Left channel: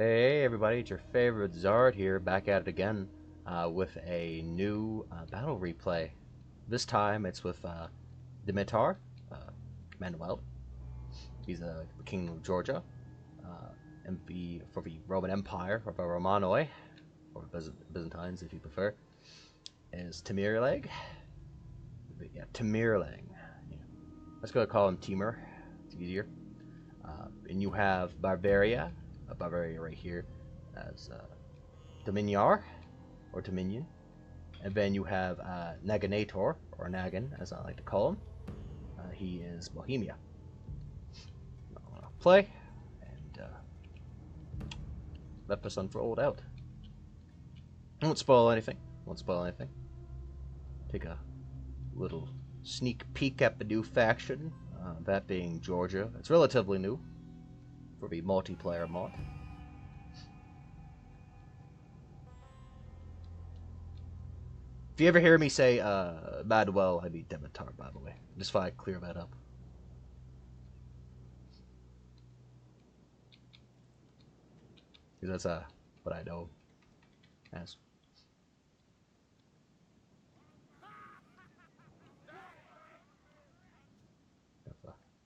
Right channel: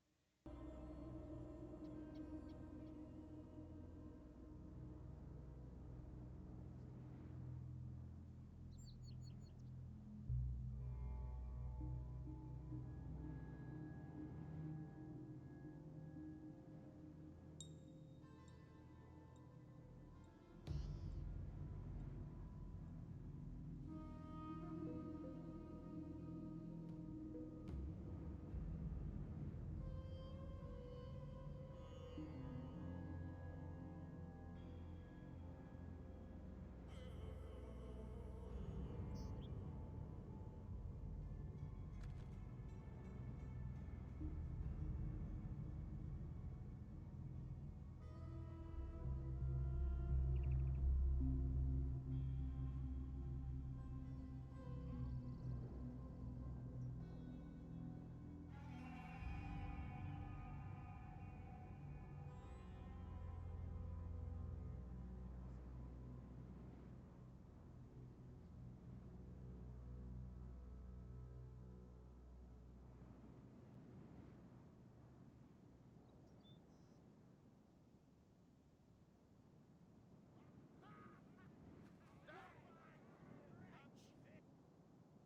Hey everybody, it's your favorite Zard here, back at it again with a new battle replay. This time it's with Dimitar, uh, Manuel. He's the king of Georgia, and for the Roman Empire, or the Romanoi, or Byzantines if you prefer, is Tamirleg. Yeah, Tamirlang. Yeah. Let's go call him Timur, it's easier. And you have Bavaria right here as Dominiar, or Dominion. And then you have Naganator, or Nagan, as I like to call him. He is Bohemia. Play, and let this unfold out. I won't spoil anything. Take a little sneak peek at the new faction, that being Georgia. It's relatively new for the multiplayer mod. If you ever hear me say Manuel, I mean Demitar, by the way. Just thought I'd clear that up. Because that's what I know as.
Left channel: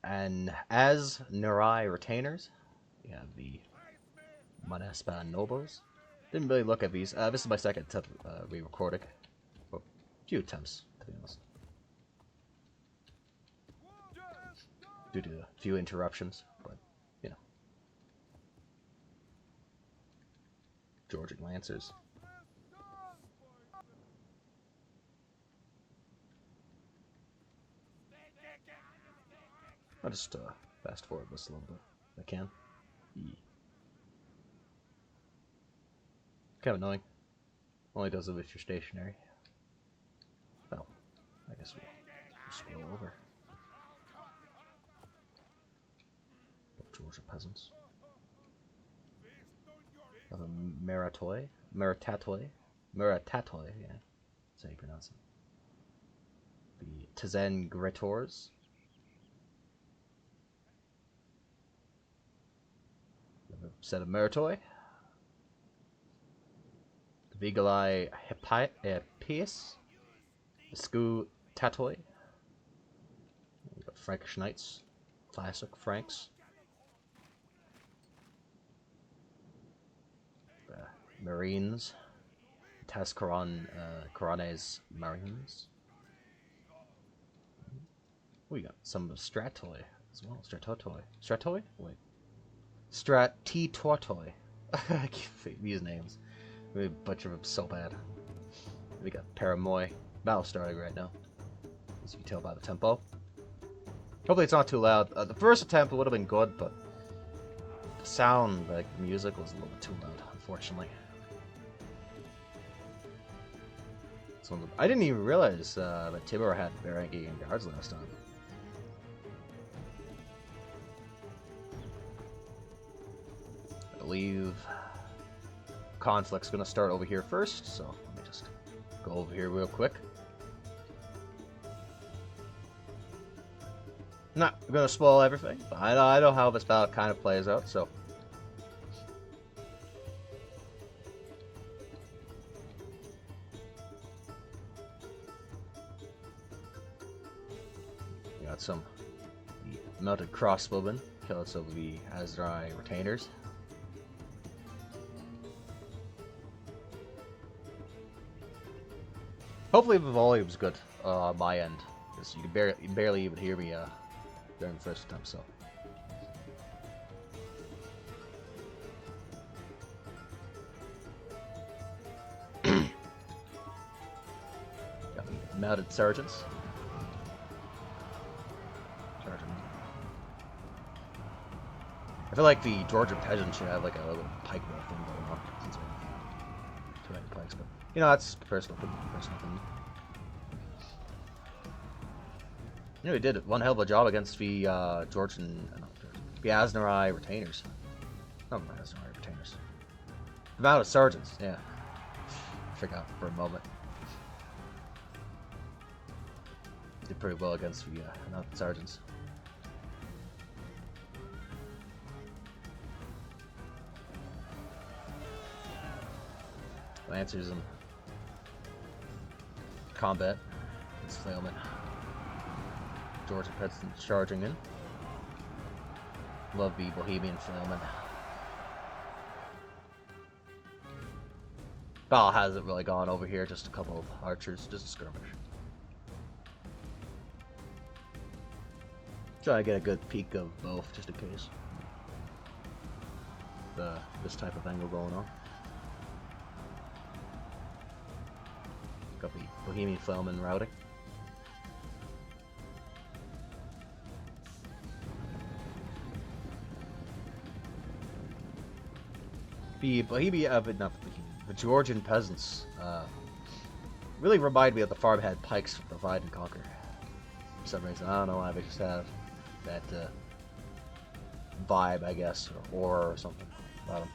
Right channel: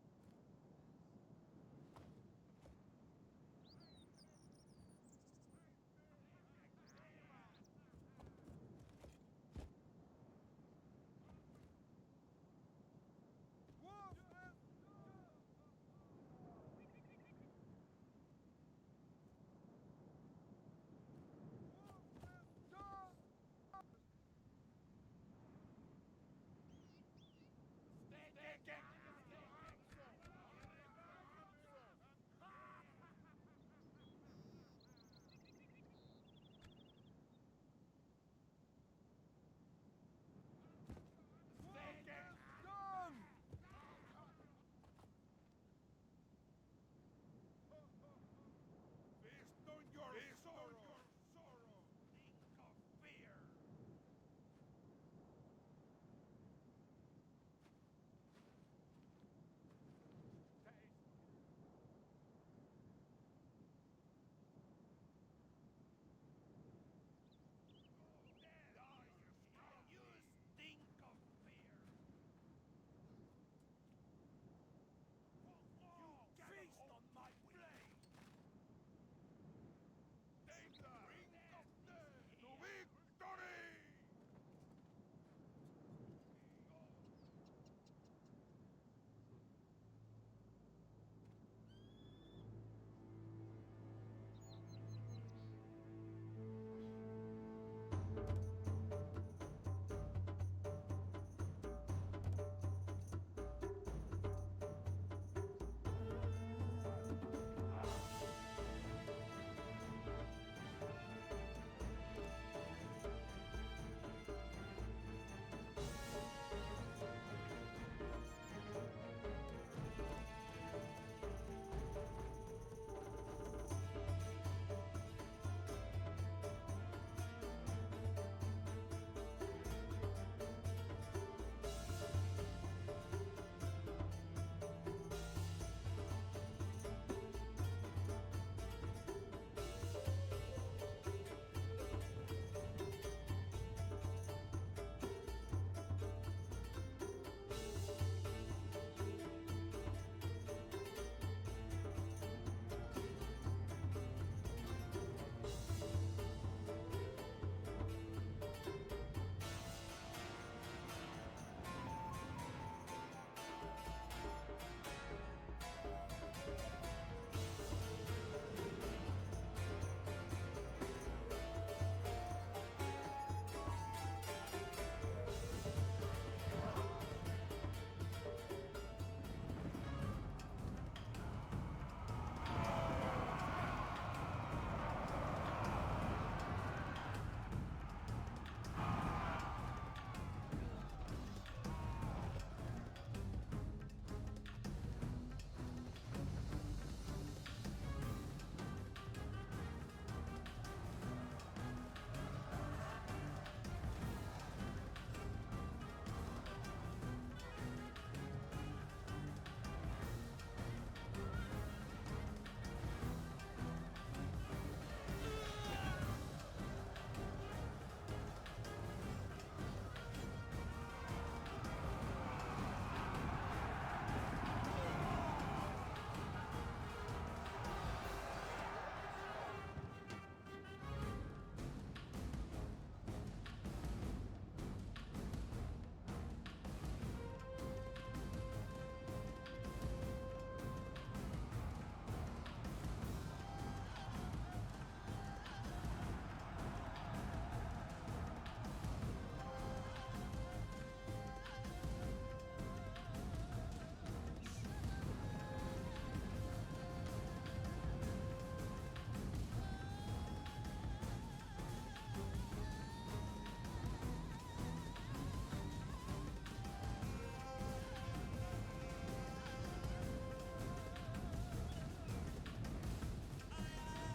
And as Nurai retainers, you have the Manaspan nobles. Didn't really look at these. This is my second attempt re-recording. Well, a few attempts, to be honest. Due to a few interruptions, but, you know. Georgian Lancers. I'll just fast forward this a little bit if I can. Kind of annoying. Only does it if you're stationary. Well, I guess we'll scroll over. Georgia peasants. Meratoi, yeah, that's how you pronounce it. The Tizen Gretors. Set of Meratoi. Vigalai Hippias. Sku Tatoi. Frankish Knights. Classic Franks. Marines. Corones Marines. We got some Stratoi as well. Stratoi? Wait. Stratitotoi. I can't think these names. We butcher them so bad. We got Paramoy. Battle starting right now, as you can tell by the tempo. Hopefully it's not too loud. The first attempt would have been good, but the sound, like the music, was a little too loud, unfortunately. So I didn't even realize that Timur had Varangian guards last time. I believe conflict's gonna start over here first, so let me just go over here real quick. Not gonna spoil everything, but I know how this battle kind of plays out, so. Got some mounted crossbowmen, killed some of the Azrai retainers. Hopefully the volume's good on my end, because you can barely even hear me during the first attempt, so. Mounted sergeants. I feel like the Georgian peasants should have like a little pike. You know, that's personal. You know, he did one hell of a job against the Georgian, the Asnarai retainers. Oh, not Asnarai retainers. The mounted sergeants, yeah. Forgot for a moment. Did pretty well against the mounted sergeants. Lancers in combat. It's Flailman. George President charging in. Love the Bohemian Flailman. Battle hasn't really gone over here, just a couple of archers, just a skirmish. Try to get a good peek of both, just in case. This type of angle going on. Got the Bohemian Flailman routing. The Bohemian, the Georgian peasants really remind me of the farmhand pikes from Divide and Conquer. For some reason, I don't know why, they just have that vibe, I guess, or horror or something about them.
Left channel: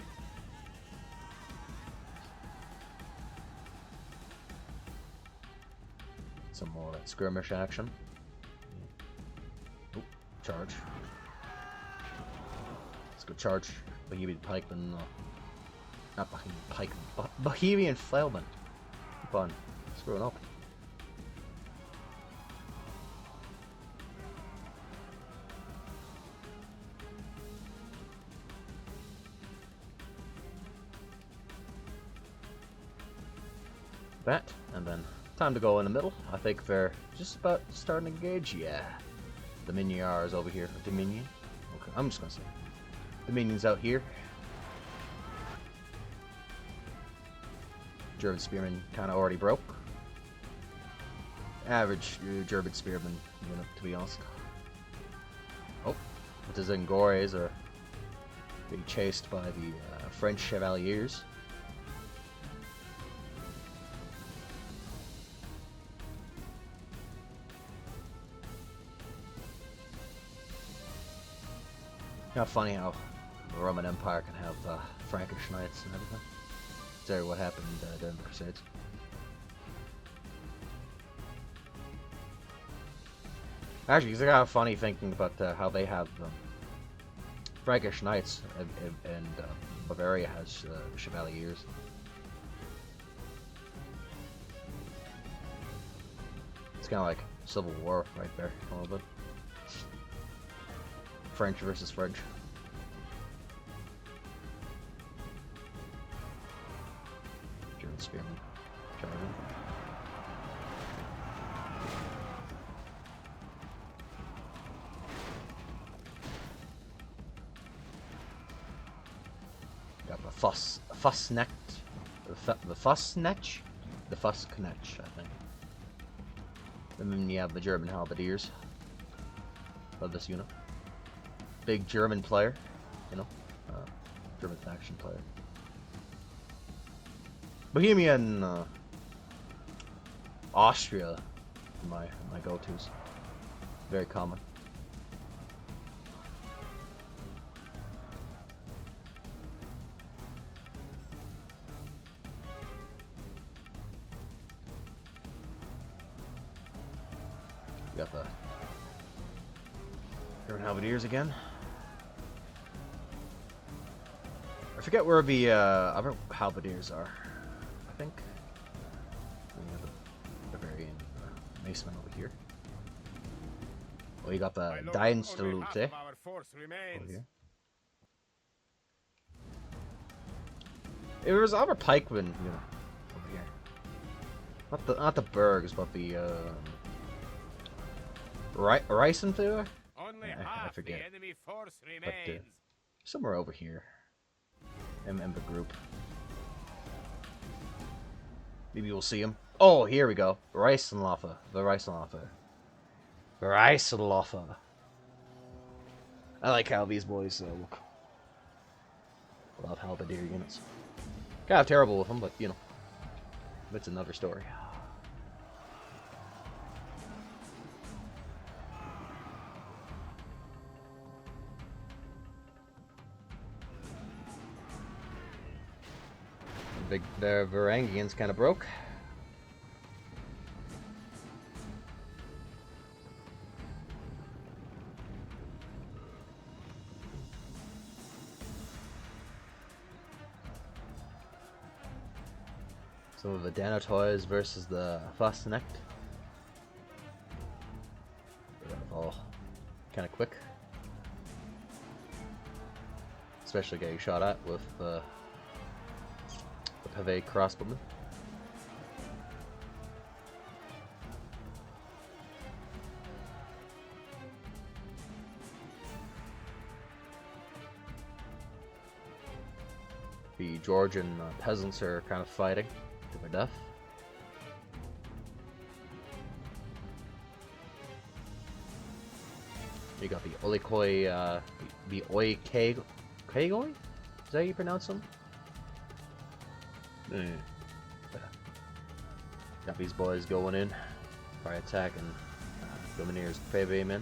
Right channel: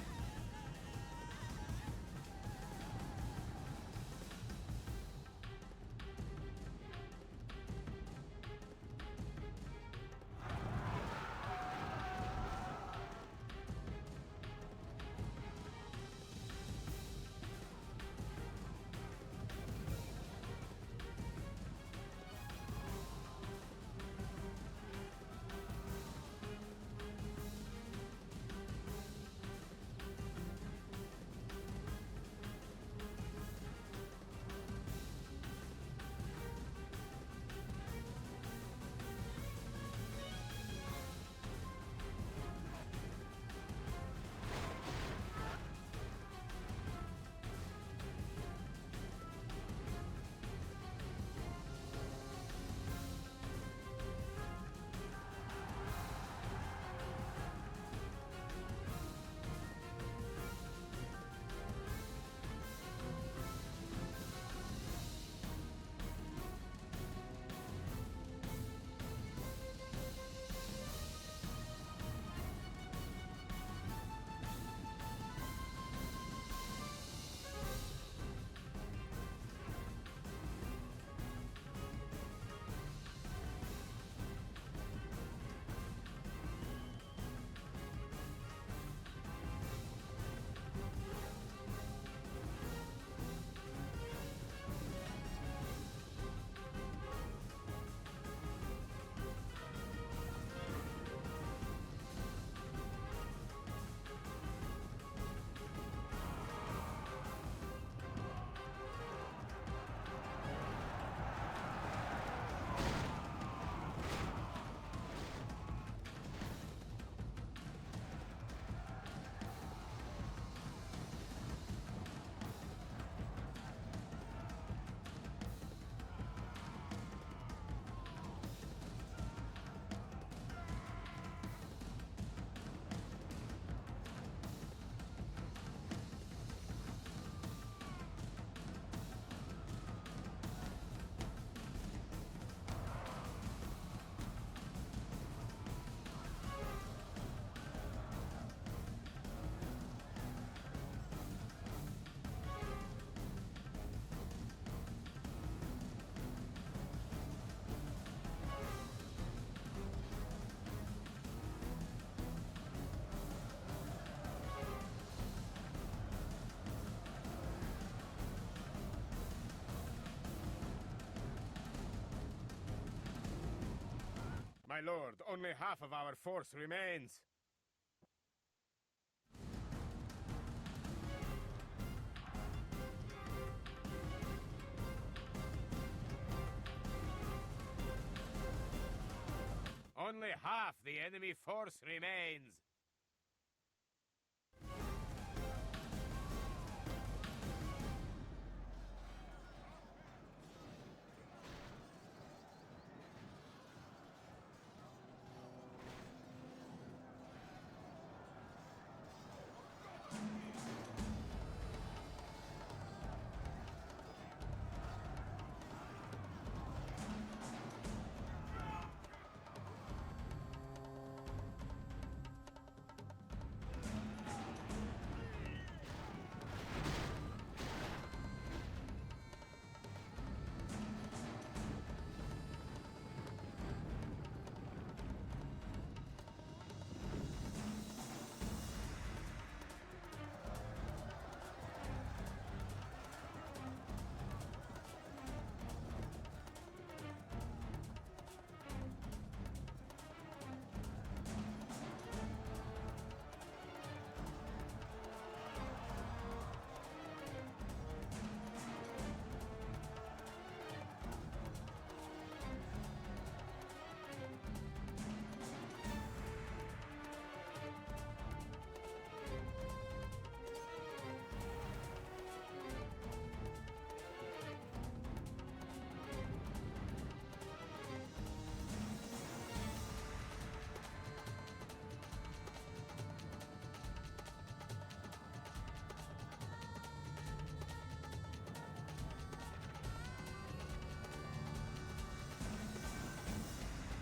Some more skirmish action. Oop, charge. Let's go charge Bohemian pikeman. Not Bohemian pike. Bohemian Flailman. Fun. Screw it up. That, and then time to go in the middle. I think they're just about starting to engage. Yeah. The Miniar is over here. Dominion. Okay, I'm just gonna say Dominion's out here. German spearman kind of already broke. Average German spearman, to be honest. Oh, the Zengores are being chased by the French Chevaliers. Kind of funny how the Roman Empire can have Frankish knights and everything. That's what happened during the Crusades. Actually, it's kind of funny thinking about how they have Frankish knights and Bavaria has Chevaliers. It's kind of like Civil War right there, a little bit. French versus French. German spearmen coming in. Got the Fusknecht, the Fusknecht, I think. And then you have the German halberdiers of this unit. Big German player, German faction player. Bohemian, Austria, my go-tos. Very common. Got the German halberdiers again. I forget where the other halberdiers are. I think. Bavarian Maceman over here. Well, you got the tsardoms-total-war. Our force remains. There was other pikemen, over here. Not the Bergs, but the Reisenthur? Only half the enemy force remains. Somewhere over here. And the group. Maybe we'll see him. Oh, here we go. Reisenloffer. The Reisenloffer. I like how these boys look. Without halberdier units. Kind of terrible with them, but that's another story. The Varangians kind of broke. Some of the Dano toys versus the Fastnecht. All kind of quick. Especially getting shot at with the Pave crossbowman. The Georgian peasants are kind of fighting to their death. You got the Olikoi, the Oikagoi? Is that how you pronounce them? Got these boys going in, probably attacking Dominier's Pave men.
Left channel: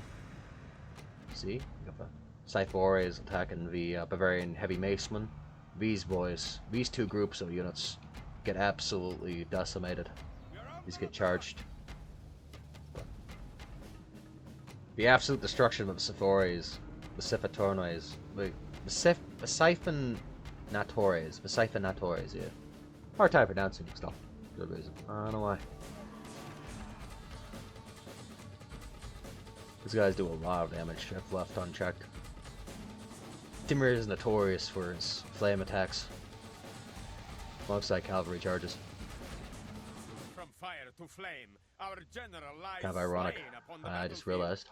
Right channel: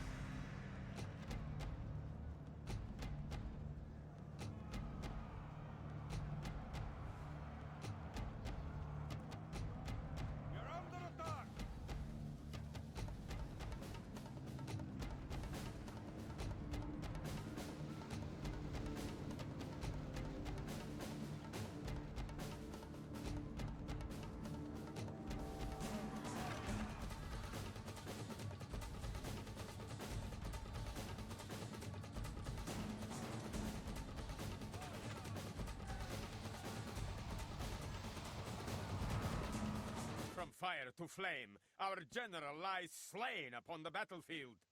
See? Got the Scythore is attacking the Bavarian Heavy Macemen. These boys, these two groups of units get absolutely decimated. These get charged. The absolute destruction of the Scythores, the Scythotornois, the Siphonatores, yeah. Hard time pronouncing stuff for some reason. I don't know why. These guys do a lot of damage if left unchecked. Timur is notorious for its flame attacks, alongside cavalry charges. From fire to flame, our general lies Kind of ironic. slain upon the I battlefield. just realized.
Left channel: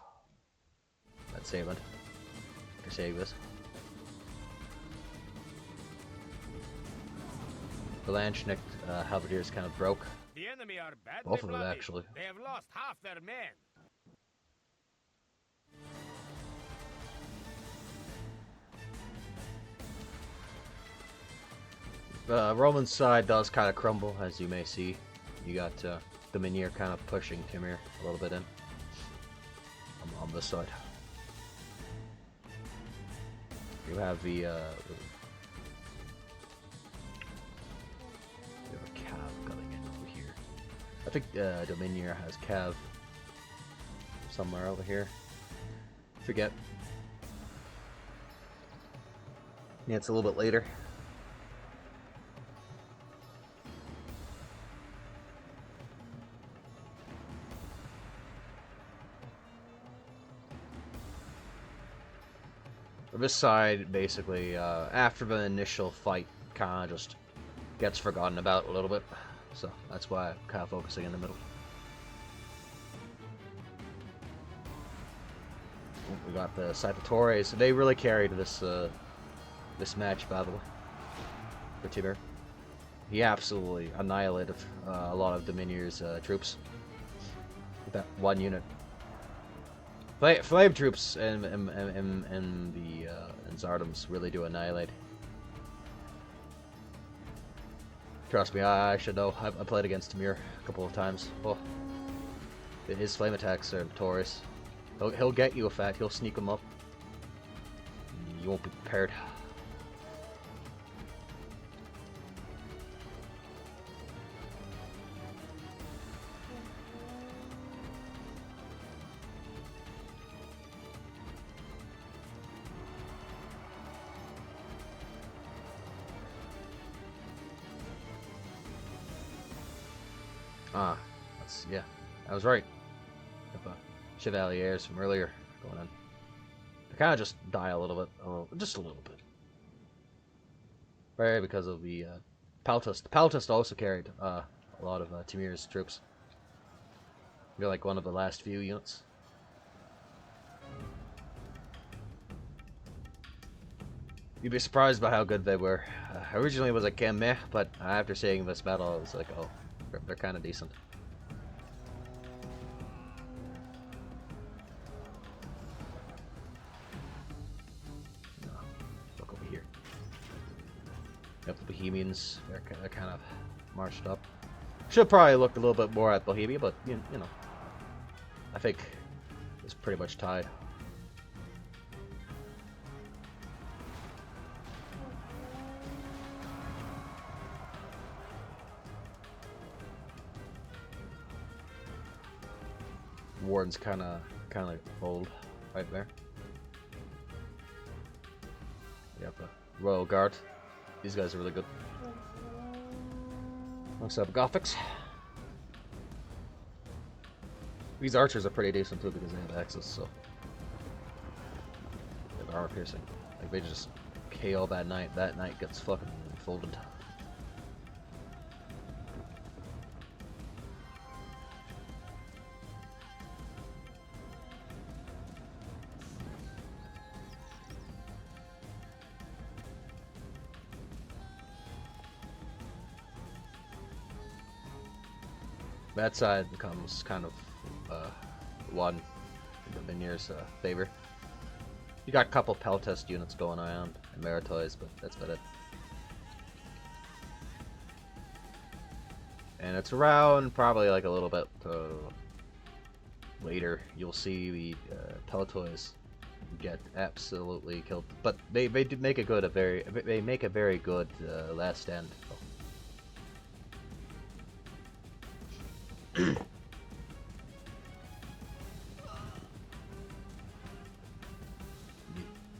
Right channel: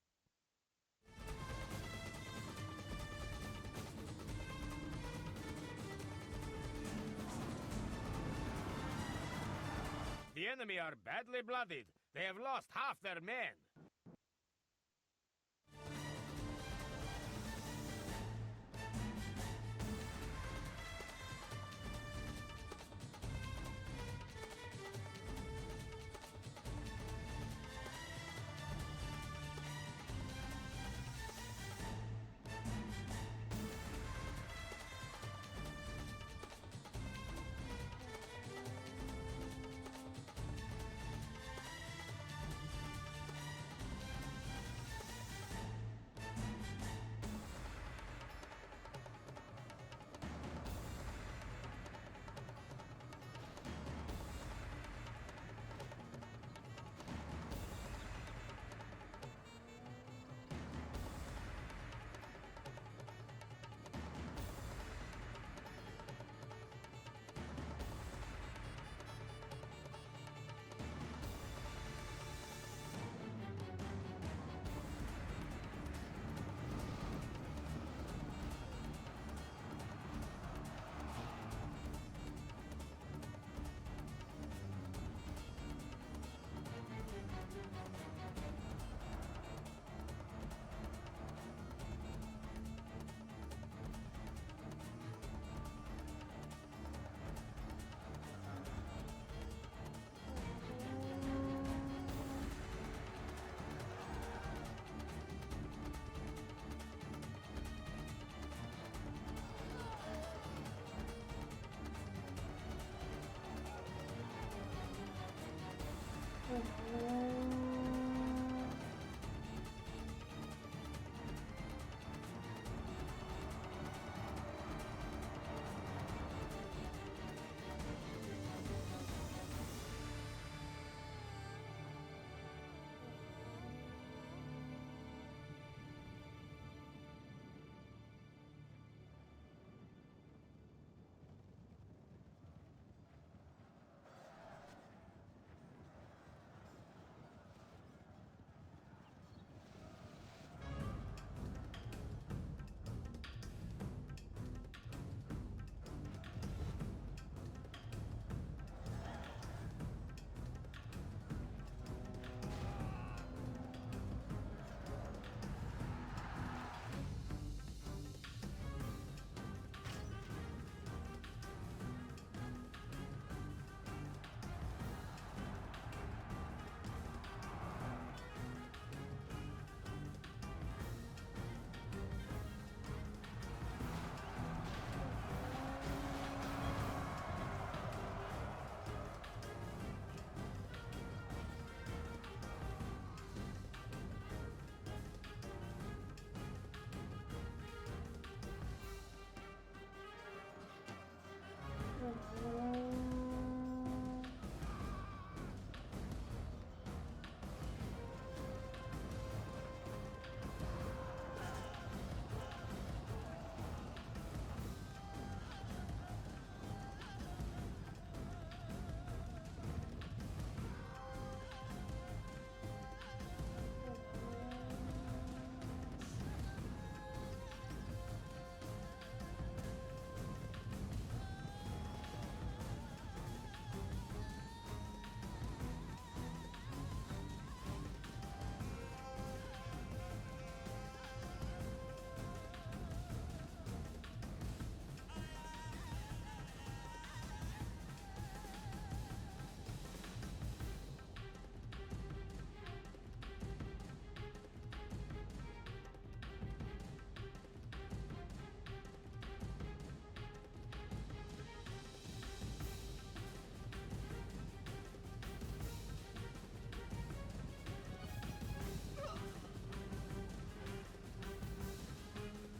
Let's save it. Save this. The Landschnick halberdiers kind of broke. The enemy are badly Both of them, bloodied. actually. They have lost half their men. The Roman side does kind of crumble, as you may see. You got the Minier kind of pushing Timur a little bit in on this side. You have the Cav coming in over here. I think Dominier has Cav somewhere over here. Forget. Yeah, it's a little bit later. This side, basically, after the initial fight, kind of just gets forgotten about a little bit. So that's why I'm kind of focusing in the middle. We got the Scythotores. They really carried this this match, by the way, for Timur. He absolutely annihilated a lot of Dominier's troops with that one unit. Flame troops and the Tzardoms really do annihilate. Trust me, I should know. I played against Timur a couple of times. Oh, his flame attacks are notorious. He'll get you a fact. He'll sneak them up. You won't be prepared. Yeah, I was right. The Chevaliers from earlier going on. They kind of just die a little bit, just a little bit. Right, because of the Paltist. The Paltist also carried a lot of Timur's troops. They're like one of the last few units. You'd be surprised by how good they were. Originally it was like meh, but after seeing this battle, I was like, oh, they're kind of decent. Look over here. Yep, the Bohemians, they're kind of marched up. Should probably look a little bit more at Bohemia, but you know, I think it's pretty much tied. Warden's kind of old right there. Yep, Royal Guard. These guys are really good. What's up, Gothics? These archers are pretty decent too because they have access, so armor piercing. If they just KO that knight gets fucking folded. That side becomes kind of one in Vinier's favor. You got a couple Peltest units going on and Maritoys, but that's about it. And it's around probably like a little bit later. You'll see the Peltoys get absolutely killed, but they did make a good they make a very good last stand.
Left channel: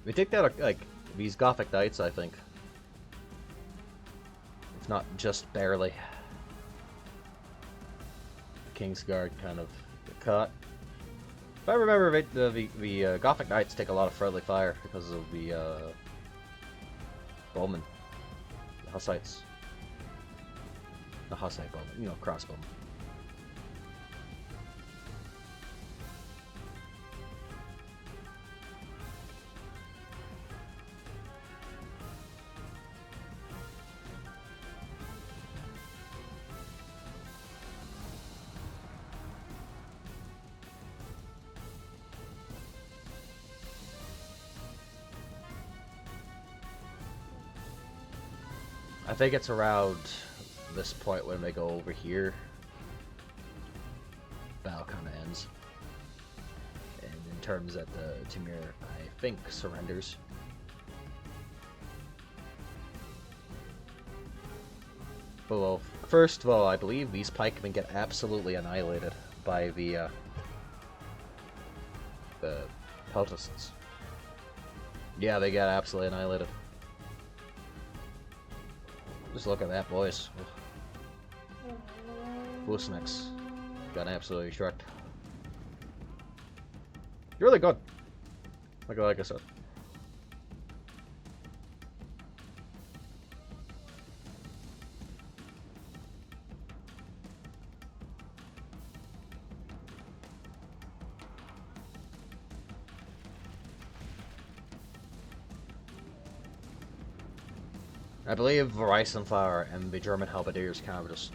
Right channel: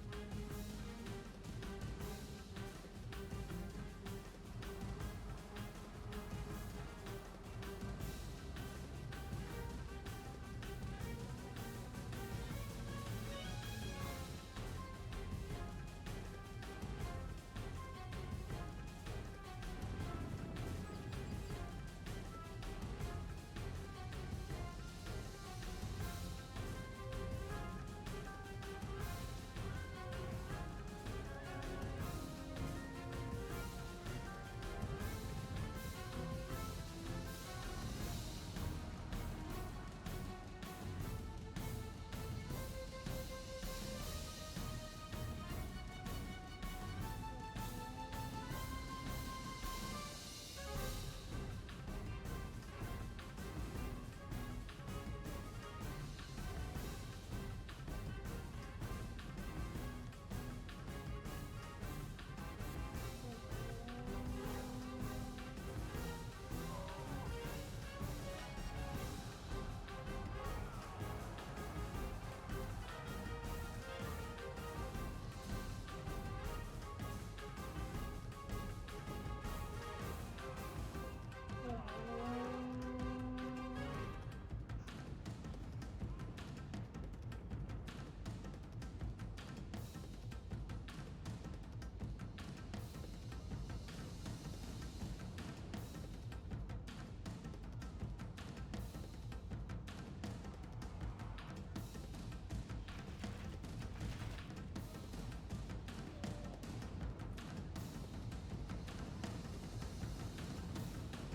We take that like these Gothic Knights, I think. If not just barely. Kingsguard kind of caught. If I remember right, the Gothic Knights take a lot of friendly fire because of the bowmen. The Hussites. The Hussite bowmen, you know, crossbowmen. I think it's around this point when they go over here. Battle kind of ends. And in terms that the Timur, I think, surrenders. Well, first of all, I believe these pikemen get absolutely annihilated by the Peltasts. Yeah, they get absolutely annihilated. Just look at that, boys. Busnex got absolutely shreked. You're really good. Like I said. I believe Reisenflower and the German Halberdiers kind of just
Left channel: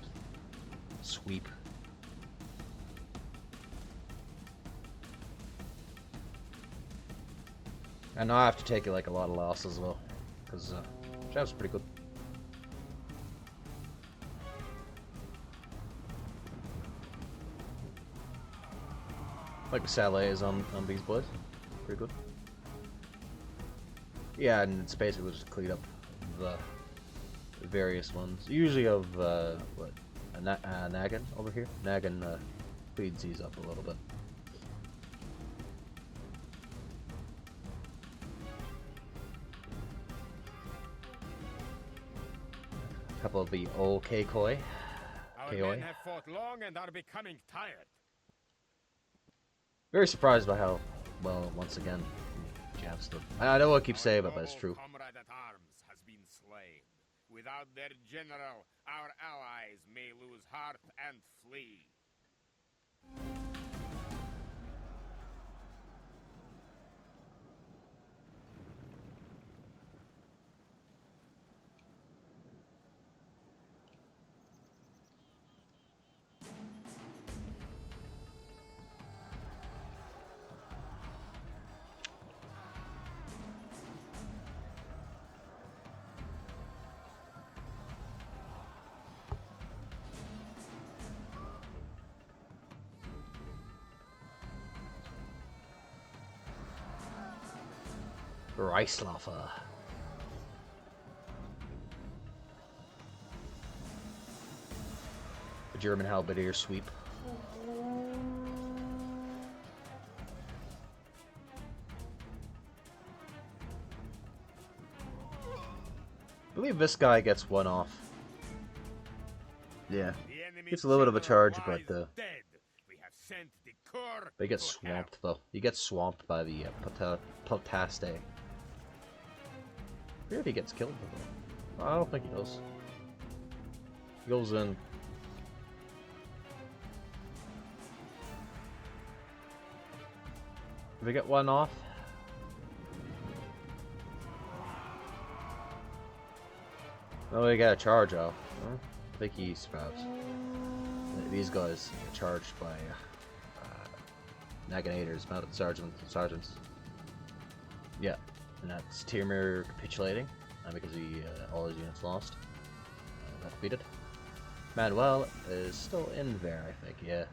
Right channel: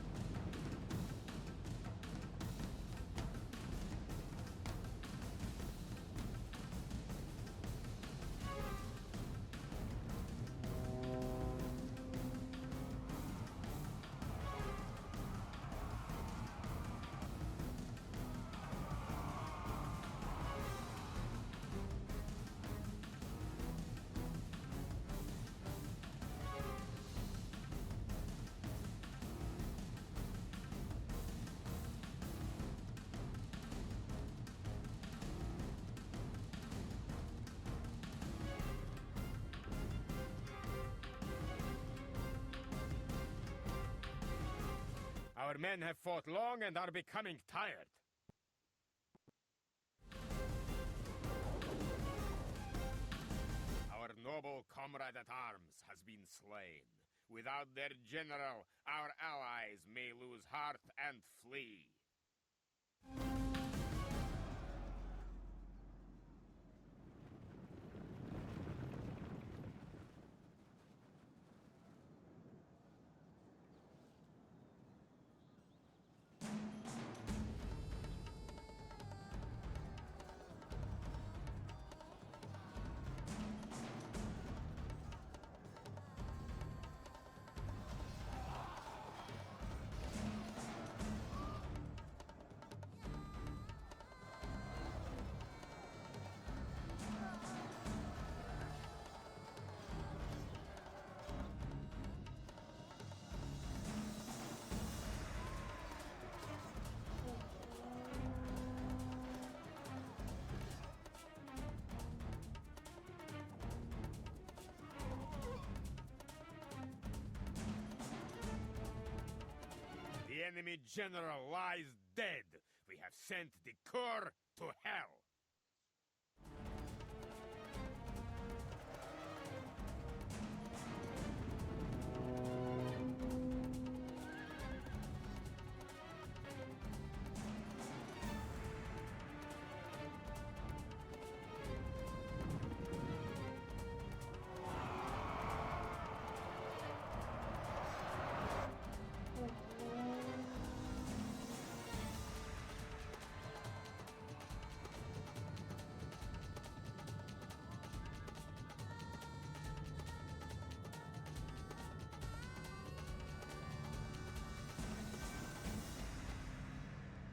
sweep. And now I have to take like a lot of losses as well, because Jeff's pretty good. Like Saleh is on these boys, pretty good. Yeah, and it's basically just cleaned up the various ones. Usually of what, Nagan over here. Nagan cleans these up a little bit. A couple of the old Koi. Our men have fought long and are becoming tired. Very surprised by how well, once again, Javs did. I know what I keep saying, but it's true. Comrade at arms has been slain. Without their general, our allies may lose heart and flee. Reislaufer. The German Halberdier sweep. I believe this guy gets one off. Yeah. The enemy It's a little bit of a general charge, lies but dead. We have sent the core they get to swamped, hell. though. You get swamped by the Potaste. Maybe he gets killed. I don't think he does. He goes in. Did we get one off? Oh, we got a charge out. I think he survives. These guys are charged by Naginators, mounted sergeants. Yeah, and that's Tyrmir capitulating because he all his units lost. Got defeated. Manuel is still in there, I think. Yeah.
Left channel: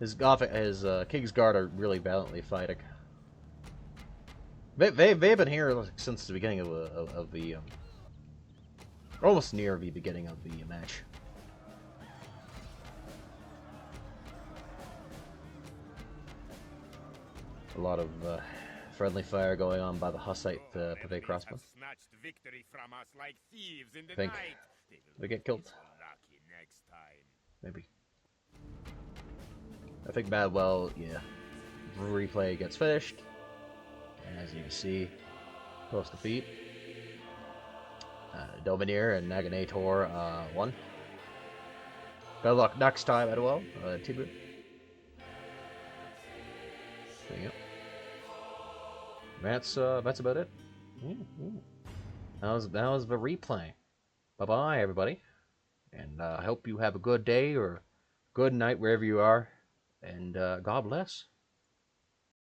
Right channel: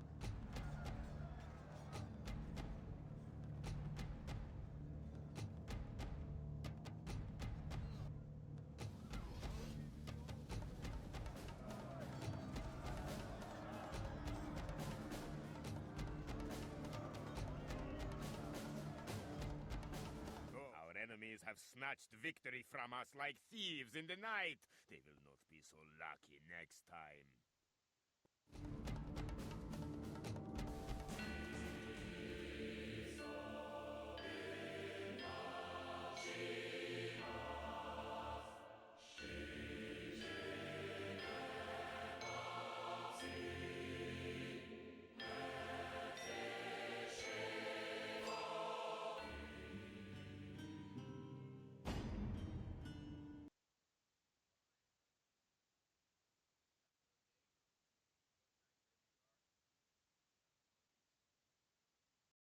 His King's Guard are really valiantly fighting. They've been here like, since the beginning of the almost near the beginning of the match. A lot of friendly fire going on by the Hussite Pavay crossbow. Have snatched victory from us like thieves in the Think night. They will we get not killed. be so lucky next time. Maybe. I think Madwell, yeah. Replay gets finished. And as you can see, post defeat. Domineer and Naganator won. Good luck next time, Madwell. Tibu. That's about it. That was the replay. Bye bye, everybody, and I hope you have a good day or good night wherever you are, and God bless.